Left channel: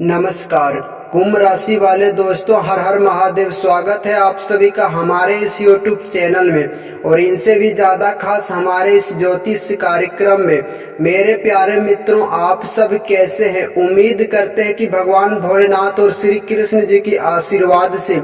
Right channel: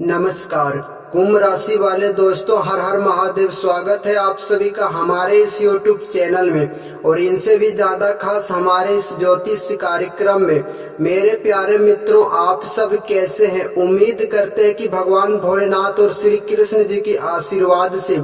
नमस्कार। कुंभ राशि वाले दोस्तों, हर हर महादेव। स्वागत है आप सभी का हमारे इस YouTube चैनल में और इनसे भी ज़्यादा खास हमारे इस ज्योतिष कार्यक्रम में। मेरे प्यारे मित्रों, आप सब कैसे हैं? उम्मीद करते हैं कि भगवान भोलेनाथ और श्री कृष्ण जी की आशीर्वाद से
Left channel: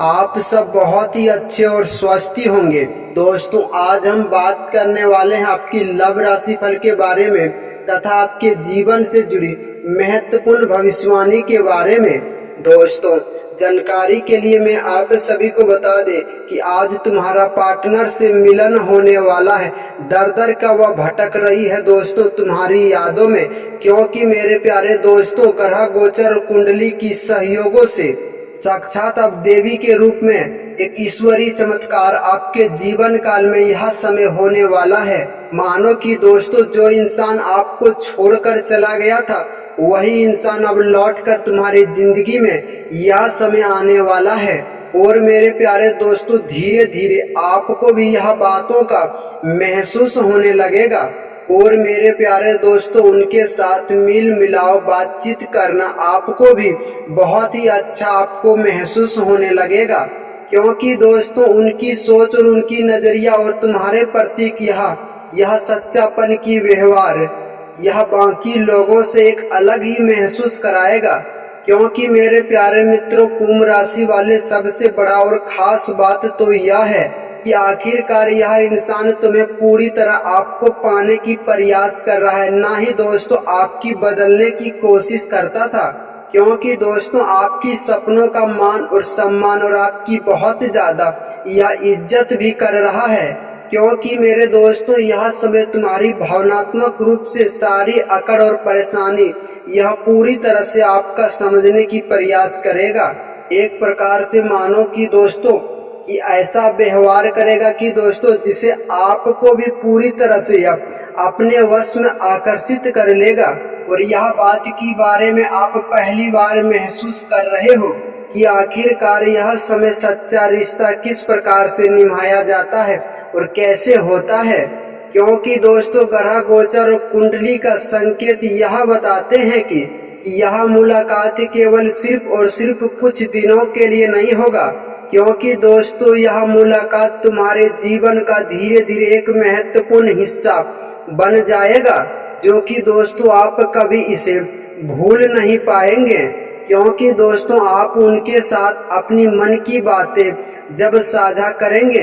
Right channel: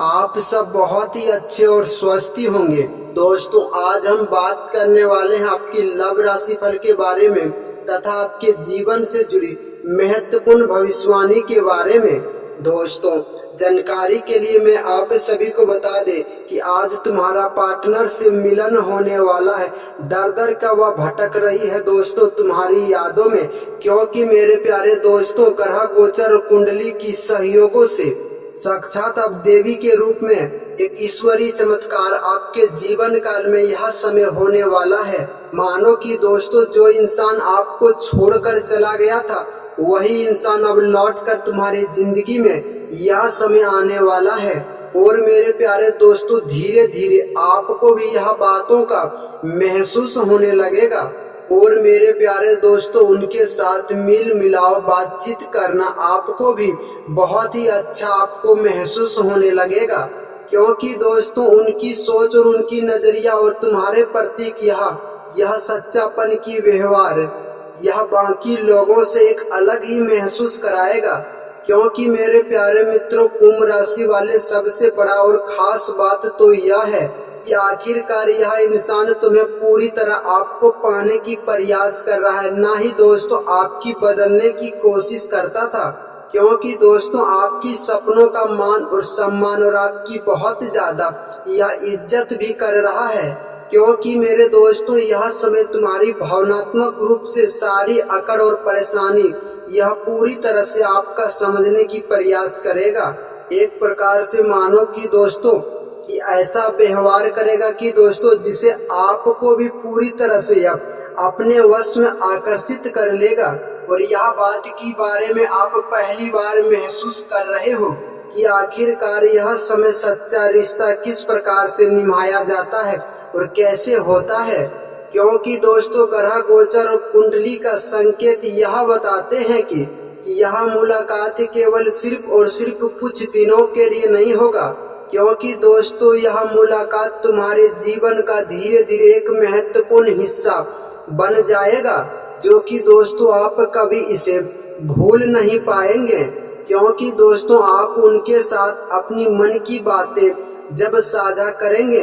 आप सब बहुत ही अच्छे और स्वस्थ होंगे। दोस्तों, आज हम बात करने वाले हैं आपकी लव राशि फल के बारे में तथा आपके जीवन से जुड़ी महत्वपूर्ण भविष्यवाणी के बारे में। दोस्तों, जानकारी के लिए मैं आप सभी को बता दें कि आज तुम्हारा पार्टनर से मिलन होने वाला है। दर दर का वह भटक रही है दोस्तों तुम्हारी यादों में, क्योंकि मेरे प्यारे दोस्तों, ग्रह गोचर कुंडली की सहयोगों से साक्षात अब देवी के रूप में एक ईश्वरीय चमत्कार आपके जीवन काल में यह समय होने वाला है। मानो कि दोस्तों, जो इंसान आपको छोड़कर चला गया था वही इंसान अब लौटकर तुम्हारी जिंदगी में यह समय आने वाला है। और मेरे प्यारे दोस्तों, धीरे धीरे आपको भी यह बातों का महसूस होने लगेगा। और मेरे प्यारे दोस्तों, उनके साथ मिल मिलाओ बातचीत करना आपको भी बहुत ही अच्छा आपको महसूस होने लगेगा, क्योंकि दोस्तों उनकी सोच और उनकी नजरिया और तुम्हारे प्रति यह सच्चापन की व्यवहार यह बाकी लोगों से एक अलग ही महसूस कराएगा। क्योंकि मेरे प्यारे मित्रों, कुंभ राशि वाले, सबसे बड़ा और खास बात तो यह है कि आखिरकार यह इंसान तुम्हें पूरी तरह आपको पाने की प्रयास कर रहा है, ना ही दोस्तों आपकी बदलने की कोशिश करता था। क्योंकि दोस्तों, आपकी सपनों का मान और सम्मान और आपकी बहुत ज्यादा यह इज्जत भी कर रहा है। क्योंकि मेरे दोस्तों, यह समय तुम्हारी भावनात्मक रूप से सारी अकड़ और परेशानी यह पूरी तरह से आपका समझने की प्रयास करेगा। एक प्रकार से मानो कि दोस्तों कि ऐसा व्यवहार करेगा कि दोस्तों जिसे आपको भी पूरी तरह से अपने वश में आकर्षित कर लेगा। और यह बात के बारे में आप पहली बार महसूस कर रहे हो कि आखिरकार यह समय सच्चा रिश्ता किस प्रकार से निभाया जाता है और कैसे होता है। क्योंकि दोस्तों, ग्रह गोचर और कुंडली का संकेत यह बताते हैं कि यह मुलाकात केवल सिर्फ और सिर्फ कुछ दिनों के लिए नहीं होगा। क्योंकि दोस्तों, यह मुलाकात तुम्हारे जीवन का धीरे धीरे एक महत्वपूर्ण हिस्सा बन जाएगा, जो कि दोस्तों आप कभी इसे भूल नहीं पाएंगे। क्योंकि दोस्तों, आप उनके साथ अपनी मन की बातें जब साझा करेंगे,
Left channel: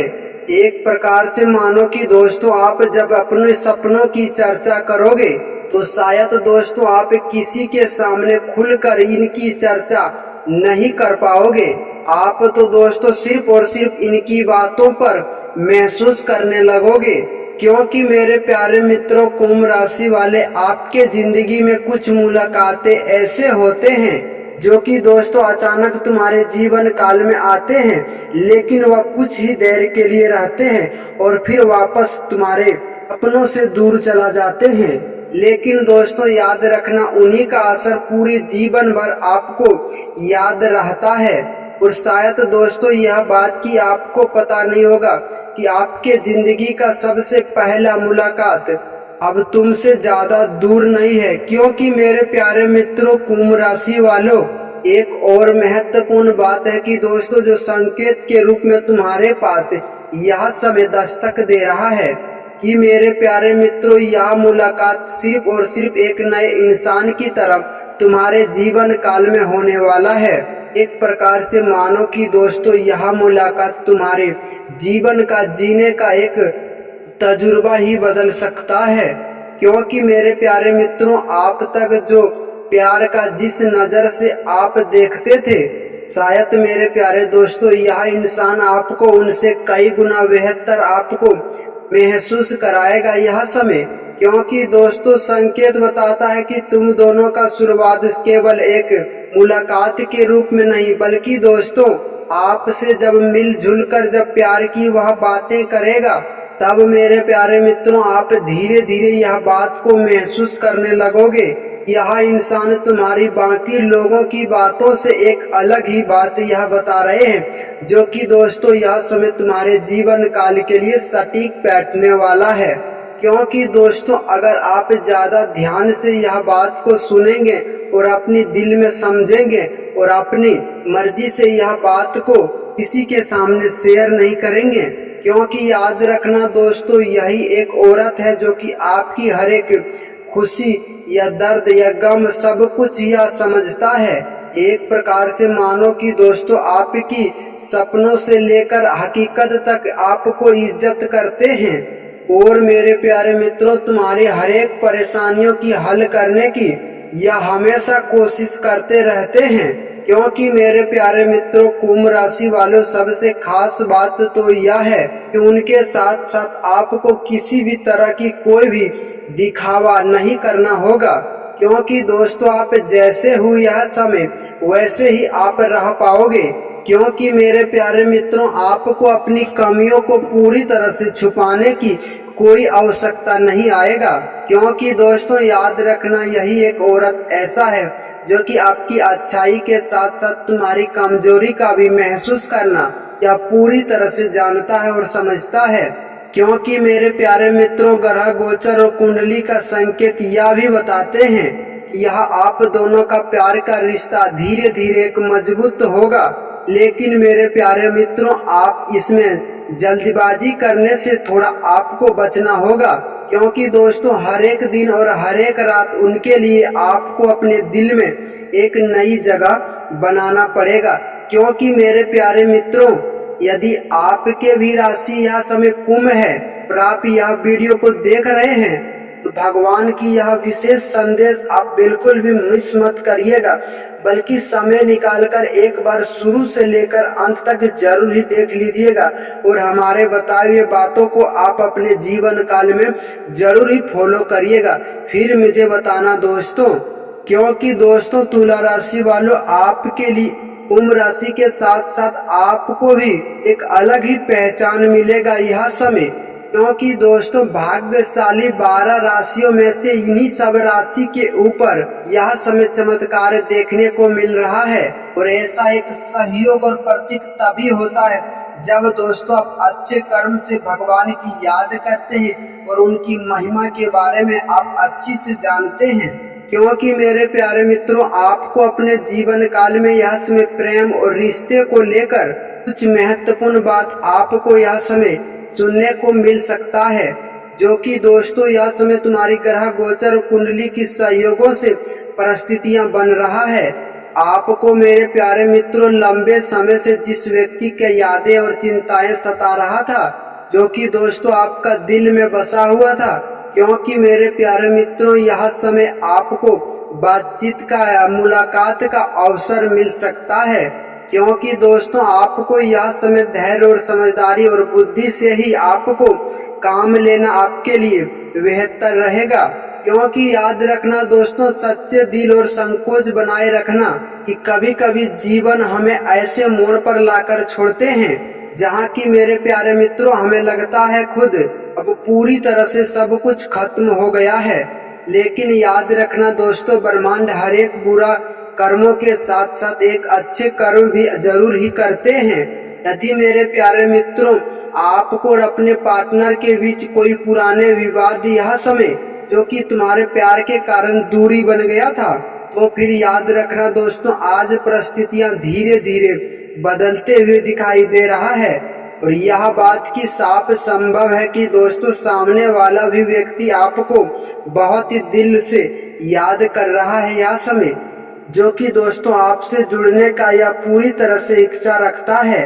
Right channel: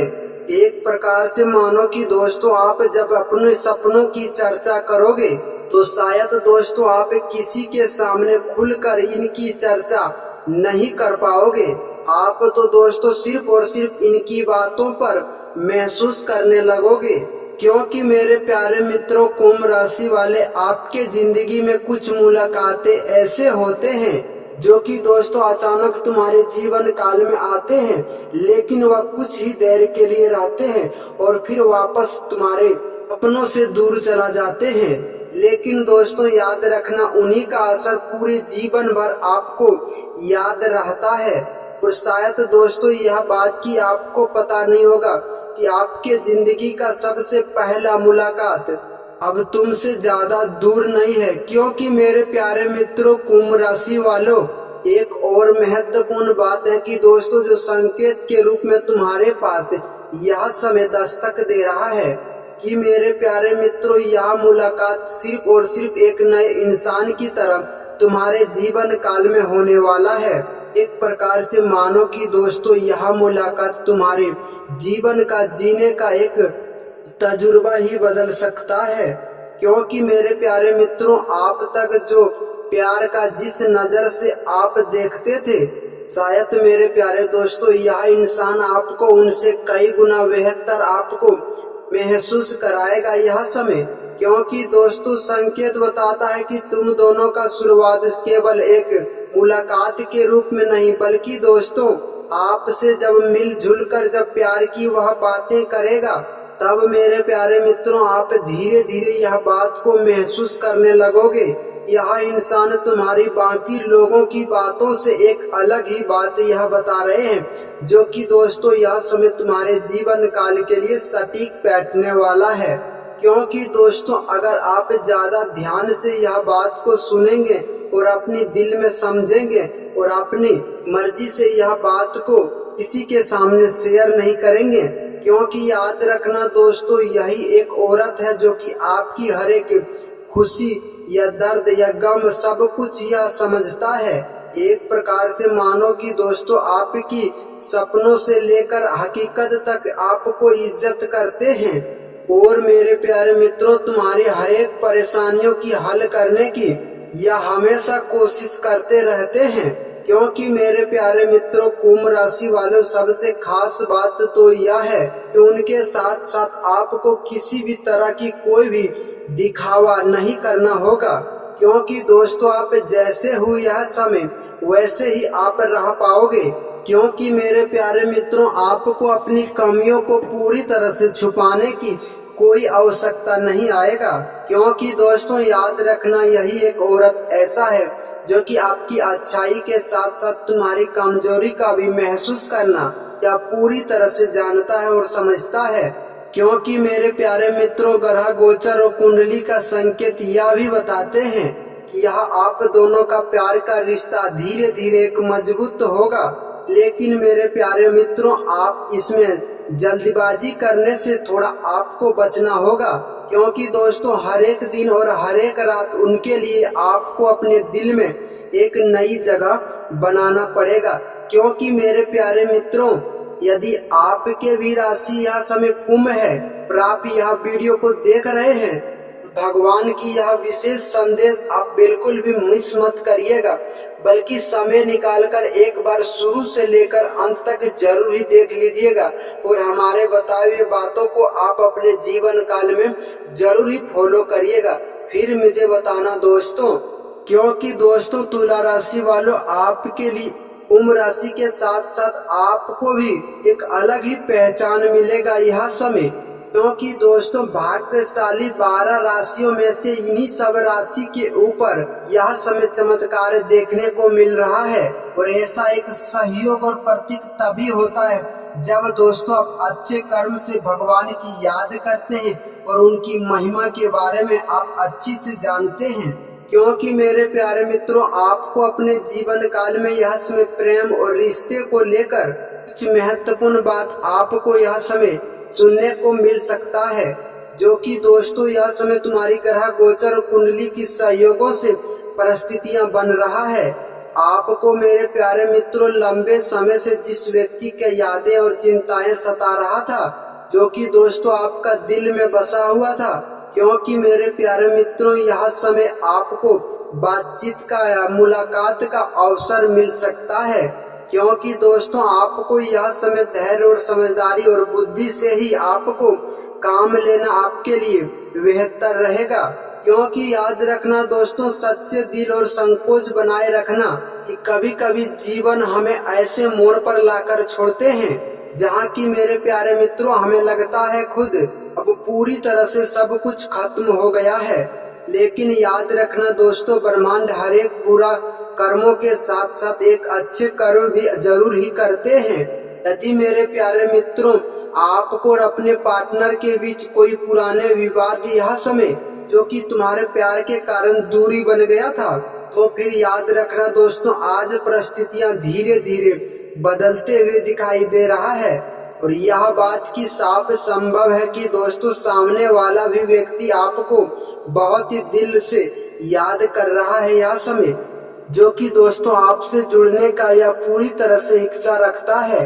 एक प्रकार से मानो कि दोस्तों आप जब अपने सपनों की चर्चा करोगे तो शायद दोस्तों आप किसी के सामने खुलकर इनकी चर्चा नहीं कर पाओगे। आप तो दोस्तों सिर्फ और सिर्फ इनकी बातों पर महसूस करने लगोगे। क्योंकि मेरे प्यारे मित्रों, कुंभ राशि वाले, आपके जिंदगी में कुछ मुलाकातें ऐसे होते हैं जो कि दोस्तों अचानक तुम्हारे जीवन काल में आते हैं, लेकिन वह कुछ ही देर के लिए रहते हैं और फिर वापस तुम्हारे अपनों से दूर चला जाते हैं। लेकिन दोस्तों याद रखना, उन्हीं का असर पूरे जीवन भर आपको याद रहता है। और शायद दोस्तों यह बात की आपको पता नहीं होगा कि आपके जिंदगी का सबसे पहला मुलाकात अब तुमसे ज्यादा दूर नहीं है। क्योंकि मेरे प्यारे मित्रों, कुंभ राशि वालों, एक और महत्वपूर्ण बात है कि दोस्तों जो संकेत के रूप में तुम्हारे पास यह समय दस्तक दे रहा है कि मेरे प्यारे मित्रों, यह मुलाकात सिर्फ और सिर्फ एक नए इंसान की तरह तुम्हारे जीवन काल में होने वाला है। एक प्रकार से मानो कि दोस्तों यह मुलाकात तुम्हारे जीवन का जीने का एक तजुर्बा ही बदल सकता है। क्योंकि मेरे प्यारे मित्रों, आप तक जो प्यार का जिस नजर से आप देखते थे, शायद मेरे प्यारे दोस्तों यह इंसान आपको उनसे कई गुना बेहतर आपको महसूस कराएगा यह समय। क्योंकि दोस्तों संकेत बताता है कि तुम दोनों का शुरुआत केवल एक मुलाकात के रूप में नहीं, बल्कि दोस्तों आपसे जब मिलजुल कर जब प्यार की वह बातें करेगा, तब मेरे प्यारे मित्रों आप धीरे धीरे यह बात को महसूस करने लगोगे। यह इंसान तुम्हारी बाकी लोगों की बातों से एक अलग ही बात यह बता रहे हैं, जो कि दोस्तों यह समय तुम्हारे जीवन काल के लिए सटीक बैठने वाला है। क्योंकि दोस्तों अगर आप ज़्यादा ध्यान से यह बात को सुनेंगे और अपनी दिल में समझेंगे और अपनी मर्जी से यह बात को किसी के सामने शेयर नहीं करेंगे, क्योंकि याद रखना दोस्तों यही एक औरत है जो कि आपकी हर एक खुशी या दर्द या गम सब कुछ यह समझता है। एक प्रकार से मानो कि दोस्तों आपकी सपनों से लेकर हकीकत तक आपको इज्जत करते हैं और मेरे प्यारे मित्रों तुम्हारी हर एक परेशानियों की हल करने की यह हमेशा कोशिश करते रहते हैं। क्योंकि मेरे प्यारे मित्रों कुंभ राशि वालों सबसे खास बात तो यह है कि उनके साथ साथ आपको किसी भी तरह की कोई भी दिखावा नहीं करना होगा, क्योंकि दोस्तों आप जैसे हो यह समय वैसे ही आप रह पाओगे। क्योंकि मेरे प्यारे मित्रों आपको अपनी कमियों को पूरी तरह से छुपाने की कोई आवश्यकता नहीं आएगा, क्योंकि दोस्तों याद रखना यही एक औरत ऐसा है जो कि आपकी अच्छाई के साथ साथ तुम्हारी कमजोरी का भी महसूस करना या पूरी तरह से जानता है और समझता है। क्योंकि मेरे प्यारे मित्रों ग्रह गोचर और कुंडली का संकेत यह भी बताते हैं कि यह आप दोनों का प्यार का रिश्ता धीरे धीरे एक मजबूत होगा। लेकिन मेरे प्यारे मित्रों आप इसमें जल्दबाजी करने से थोड़ा आपको बचना होगा, क्योंकि दोस्तों हर एक दिन और हर एक रात उनके लिए आपको अपने दिल में एक नई जगह बनाना पड़ेगा। क्योंकि मेरे प्यारे मित्रों यदि आपके भी राशि यह समय कुंभ है और आप यह वीडियो को देख रहे हैं तो भगवान की यह विशेष संदेश आप बिल्कुल भी मिस मत करिएगा, बल्कि समय निकालकर एक बार शुरू से लेकर अंत तक जरूर ही देख लीजिएगा और हमारे बताए हुए बातों को आप अपने जीवन काल में जरूर ही फॉलो करिएगा, फिर मुझे बताना दोस्तों। क्योंकि दोस्तों तुला राशि वालों आपके लिए कुंभ राशि के साथ साथ आपको भी एक अलग ही पहचान मिलेगा यह समय। क्योंकि दोस्तों भाग्यशाली 12 राशियों में से इन्हीं सब राशि के ऊपर यह समय चमत्कार देखने को मिल रहा है और ऐसा एक सहयोग और प्रतीक तभी होता है जब दोस्तों आप अच्छे कर्म से भगवान की याद करते हैं और उनकी महिमा के बारे में आप अच्छी से जानते हैं। क्योंकि मेरे प्यारे मित्रों आपको अपने जीवन काल में यह समय प्रेम और रिश्ते को लेकर कुछ महत्वपूर्ण बात आपको यह समय सुनने को मिल सकता है, जो कि दोस्तों यह समय तुम्हारी ग्रह गोचर और कुंडली की सहयोगों से परिस्थितियां बन रहा है। आपको मेरे प्यारे मित्रों लंबे समय से जिस व्यक्ति के यादें और चिंताएं सता रहा था, जो कि दोस्तों आपका दिल में बसा हुआ था। क्योंकि मेरे प्यारे मित्रों यह समय आपको बातचीत का या मुलाकात का अवसर मिल सकता है। क्योंकि दोस्तों आपको यह समय धैर्य और समझदारी और बुद्धि से ही आपको काम लेना आपके लिए बेहतर रहेगा। क्योंकि याद रखना दोस्तों सच्चे दिल और संकोच बनाए रखना कि कभी कभी जीवन हमें ऐसे मोड़ पर लाकर छोड़ते हैं जहाँ की मेरे प्यारे मित्रों हमें लगता है खुद अब पूरी तरह से सब कुछ खत्म हो गया है। लेकिन याद रखना दोस्तों ब्रह्मांड हर एक बुरा कर्मों के साथ साथ एक अच्छे कर्म भी जरूर ही करते हैं। यदि मेरे प्यारे मित्रों आपको और अपने पार्टनर के बीच कोई पुराने विवाद यह समय जो कि तुम्हारे प्यार के कारण दूरी बन गया था, तो फिर याद रखना दोस्तों आज परिस्थितियां धीरे धीरे बदलते हुए दिखाई दे रहा है और यह बात की साफ संभव है कि दोस्तों सामने वाला भी व्यक्ति आपको बहुत ही दिल से याद कर रहा है यह समय, जो कि दोस्तों आपसे जुड़ने का यह पूरी तरह से इच्छा रखता है।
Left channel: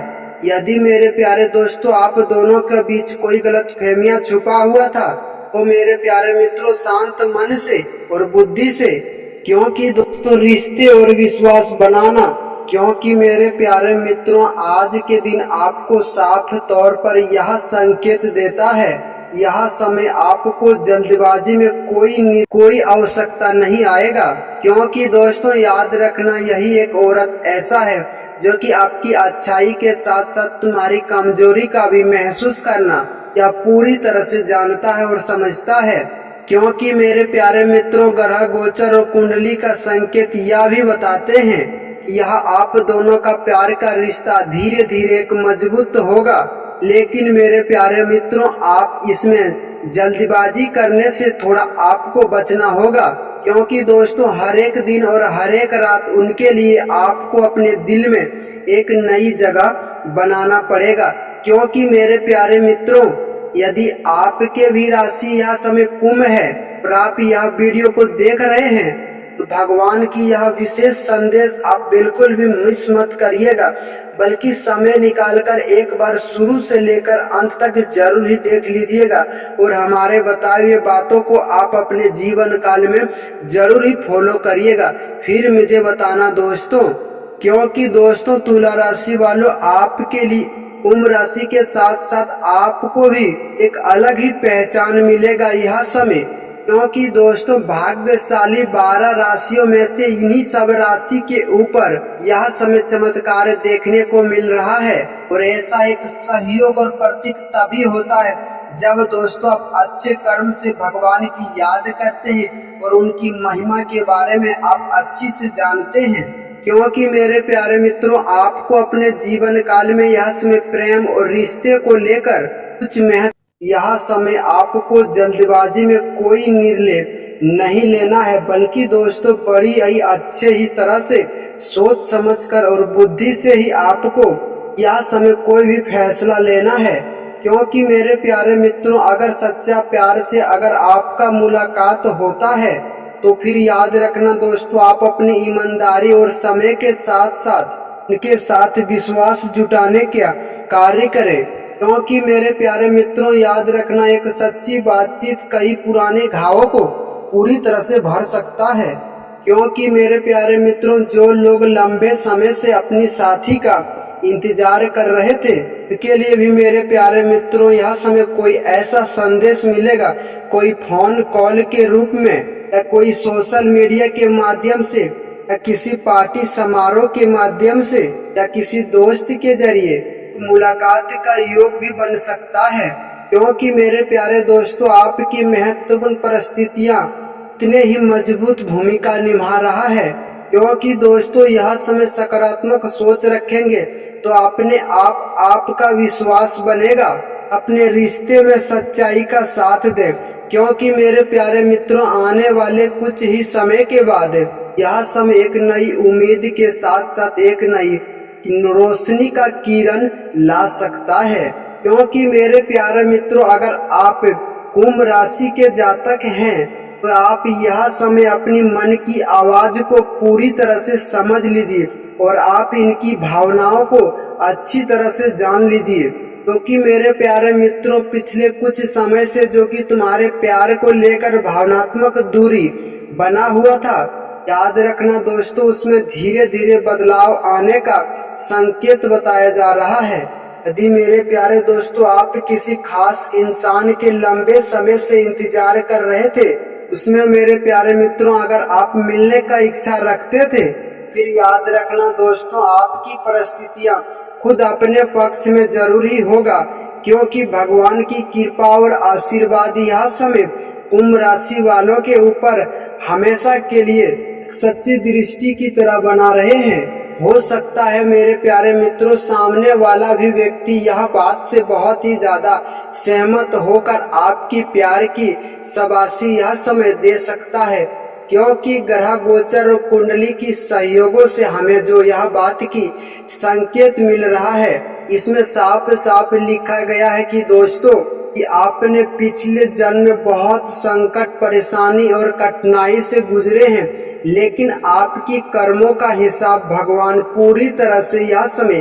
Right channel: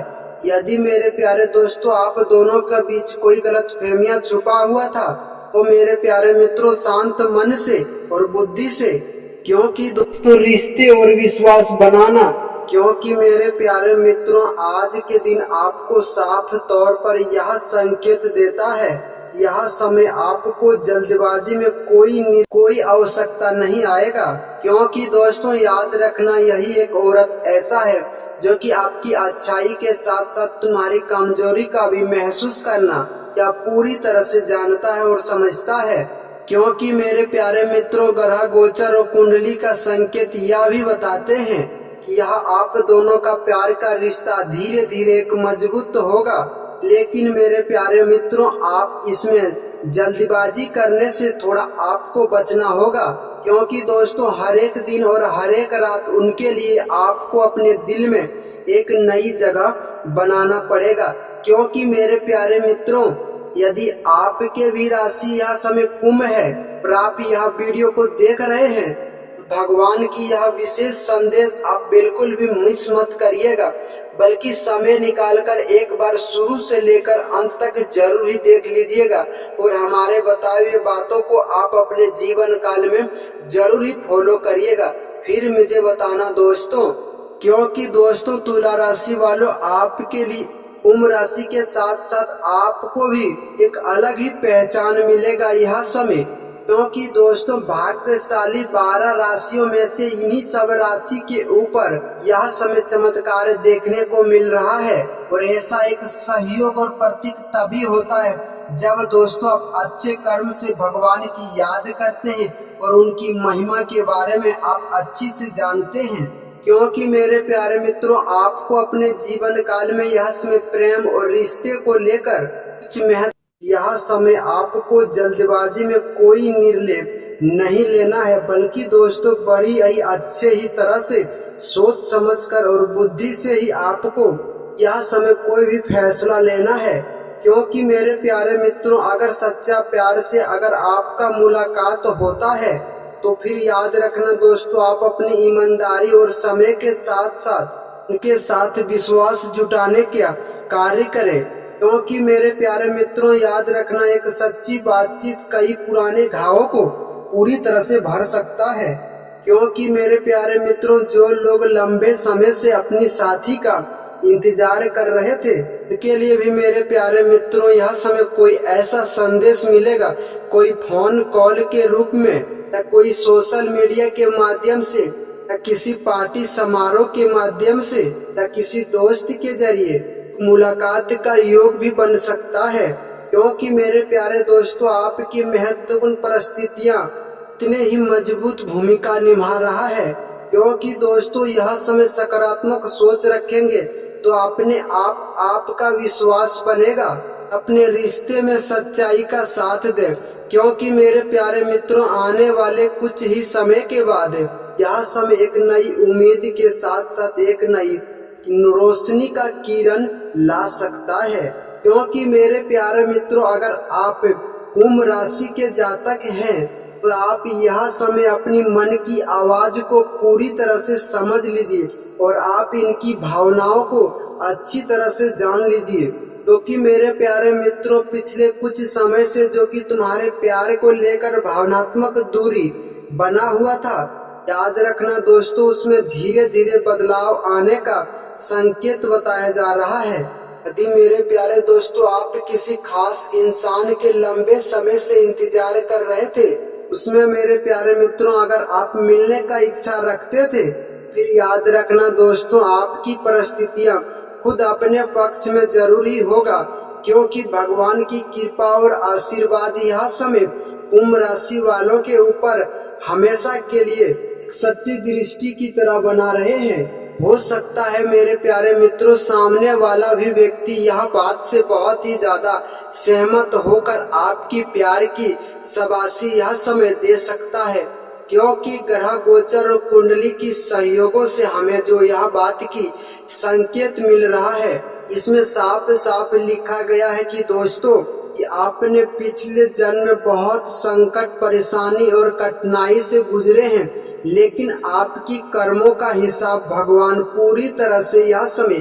यदि मेरे प्यारे दोस्तों आप दोनों के बीच कोई गलतफहमियां छुपा हुआ था तो मेरे प्यारे मित्रों शांत मन से और बुद्धि से, क्योंकि दोस्तों रिश्ते और विश्वास बनाना, क्योंकि मेरे प्यारे मित्रों आज के दिन आपको साफ तौर पर यह संकेत देता है यह समय आपको जल्दबाजी में कोई आवश्यकता नहीं आएगा। क्योंकि दोस्तों याद रखना यही एक औरत ऐसा है जो कि आपकी अच्छाई के साथ साथ तुम्हारी कमजोरी का भी महसूस करना या पूरी तरह से जानता है और समझता है। क्योंकि मेरे प्यारे मित्रों ग्रह गोचर और कुंडली का संकेत यह भी बताते हैं कि यह आप दोनों का प्यार का रिश्ता धीरे धीरे एक मजबूत होगा। लेकिन मेरे प्यारे मित्रों आप इसमें जल्दबाजी करने से थोड़ा आपको बचना होगा, क्योंकि दोस्तों हर एक दिन और हर एक रात उनके लिए आपको अपने दिल में एक नई जगह बनाना पड़ेगा। क्योंकि मेरे प्यारे मित्रों, यदि आपके भी राशि यह समय कुंभ है और आप यह वीडियो को देख रहे हैं, तो भगवान की यह विशेष संदेश आप बिल्कुल भी मिस मत करिएगा, बल्कि समय निकालकर एक बार शुरू से लेकर अंत तक जरूर ही देख लीजिएगा और हमारे बताए हुए बातों को आप अपने जीवन काल में जरूर ही फॉलो करिएगा। फिर मुझे बताना दोस्तों, क्योंकि दोस्तों तुला राशि वालों, आपके लिए कुंभ राशि के साथ साथ आपको भी एक अलग ही पहचान मिलेगा यह समय। क्योंकि दोस्तों भाग्यशाली 12 राशियों में से इन्हीं सब राशि के ऊपर यह समय चमत्कार देखने को मिल रहा है। और ऐसा एक सहयोग और प्रतीक तभी होता है जब दोस्तों आप अच्छे कर्म से भगवान की याद करते हैं और उनकी महिमा के बारे में आप अच्छी से जानते हैं। क्योंकि मेरे प्यारे मित्रों, आपको अपने जीवन काल में यह समय प्रेम और रिश्ते को लेकर कुछ महत्व, यह समय आपको जल्दबाजी में कोई निर्णय नहीं लेना है, बल्कि दोस्तों बड़ी ही अच्छे ही तरह से सोच समझकर और बुद्धि से ही आपको यह समय कोई भी फैसला लेना है। क्योंकि मेरे प्यारे मित्रों, अगर सच्चा प्यार से अगर आपका मुलाकात होता है तो फिर याद रखना दोस्तों, आप अपनी ईमानदारी और समय के साथ साथ उनके साथ विश्वास जुटाने का कार्य करें। क्योंकि मेरे प्यारे मित्रों, याद रखना, एक सच्ची बातचीत कई पुराने घावों को पूरी तरह से भर सकता है। क्योंकि मेरे प्यारे मित्रों, जो लोग लंबे समय से अपनी साथी का इंतजार कर रहे थे, उनके लिए भी मेरे प्यारे मित्रों यह समय कोई ऐसा संदेश मिलेगा, कोई फोन कॉल के रूप में या कोई सोशल मीडिया के माध्यम से या किसी पार्टी समारोह के माध्यम से या किसी दोस्त के जरिए मुलाकात का योग भी बन सकता है। क्योंकि मेरे प्यारे दोस्तों, आपकी महत्वपूर्ण परिस्थितियां इतने ही मजबूत भूमिका निभा रहा है। क्योंकि दोस्तों यह समय सकारात्मक सोच रखेंगे तो अपने आप आपका विश्वास बनेगा, अपने रिश्ते में सच्चाई का साथ दें। क्योंकि मेरे प्यारे मित्रों, आने वाले कुछ ही समय के बाद यह समय एक नई उम्मीद के साथ साथ एक नई रोशनी का किरण ला सकता है। क्योंकि मेरे प्यारे मित्रों, अगर आप कुंभ राशि के जातक हैं तो आप यह समय अपनी मन की आवाज को पूरी तरह से समझ लीजिए और आप इनकी भावनाओं को अच्छी तरह से जान लीजिए। क्योंकि मेरे प्यारे मित्रों, पिछले कुछ समय से जो कि तुम्हारे प्यार को लेकर भावनात्मक दूरी बना हुआ था, याद रखना दोस्तों, उसमें धीरे धीरे बदलाव आने का संकेत बताया जा रहा है। यदि मेरे प्यारे दोस्तों आप किसी खास इंसान के लंबे समय से इंतजार कर रहे थे, उसमें मेरे प्यारे मित्रों अगर आप मिलने का इच्छा रखते थे, फिर याद रखना दोस्तों, आपकी परिस्थितियां खुद अपने पक्ष में जरूरी होगा। क्योंकि भगवान की कृपा और आशीर्वाद यह समय कुंभ राशि वालों के ऊपर हमेशा के लिए सच्ची दृष्टि की तरह बना रहे हैं। हो सकता है मेरे प्यारे मित्रों, सामने वाला भी व्यक्ति यह बात से बहुत ही ज्यादा सहमत होकर आपकी प्यार की शाबाशी यह समय दे सकता है। क्योंकि ग्रह गोचर और कुंडली की सहयोगों से हमें जो यह बात की संकेत मिल रहा है, इसमें साफ साफ लिखा गया है कि दोस्तों कि आपने पिछले जन्म में बहुत संकट, परेशानी और कठिनाई से गुजरे हैं, लेकिन आपकी कर्मों का हिसाब भगवान पूरी तरह से यह समय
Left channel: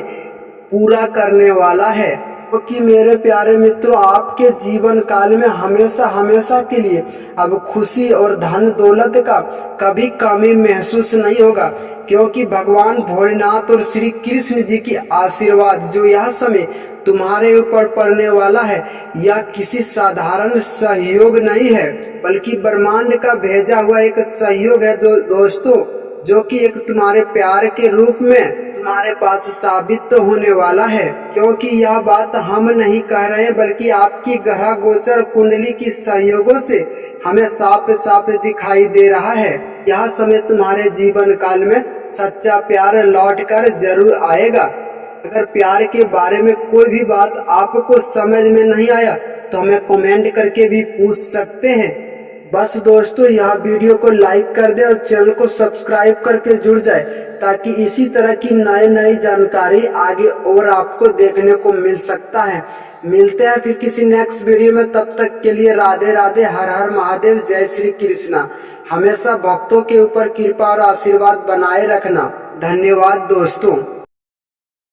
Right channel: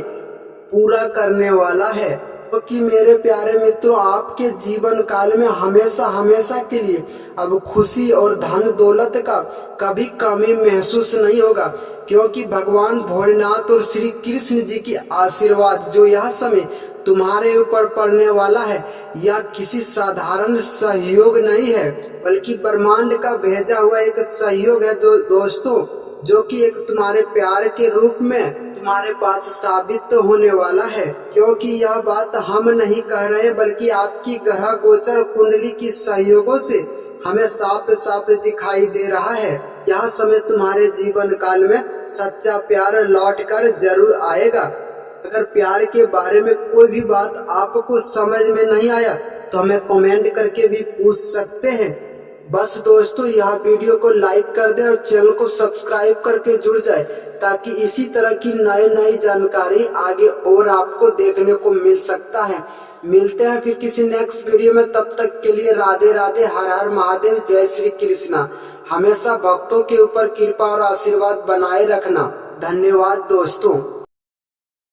पूरा करने वाला है। क्योंकि मेरे प्यारे मित्रों, आपके जीवन काल में हमेशा हमेशा के लिए अब खुशी और धन दौलत का कभी कमी महसूस नहीं होगा। क्योंकि भगवान भोलेनाथ और श्री कृष्ण जी की आशीर्वाद जो यह समय तुम्हारे ऊपर पड़ने वाला है, यह किसी साधारण सहयोग नहीं है, बल्कि ब्रह्मांड का भेजा हुआ एक सहयोग है दोस्तों, जो कि एक तुम्हारे प्यार के रूप में तुम्हारे पास साबित तो होने वाला है। क्योंकि यह बात हम नहीं कह रहे हैं, बल्कि आपकी ग्रह गोचर कुंडली की सहयोगों से हमें साफ साफ दिखाई दे रहा है। यह समय तुम्हारे जीवन काल में सच्चा प्यार लौट कर जरूर आएगा। अगर प्यार के बारे में कोई भी बात आपको समझ में नहीं आया तो हमें कमेंट करके भी पूछ सकते हैं। बस दोस्तों यह वीडियो को लाइक कर दे और चैनल को सब्सक्राइब करके जुड़ जाए, ताकि इसी तरह की नई जानकारी आगे और आपको देखने को मिल सकता है। मिलते हैं फिर किसी नेक्स्ट वीडियो में, तब तक के लिए राधे राधे, हर हर महादेव, जय श्री कृष्णा। हमेशा भक्तों के ऊपर कृपा और आशीर्वाद बनाए रखना। धन्यवाद दोस्तों।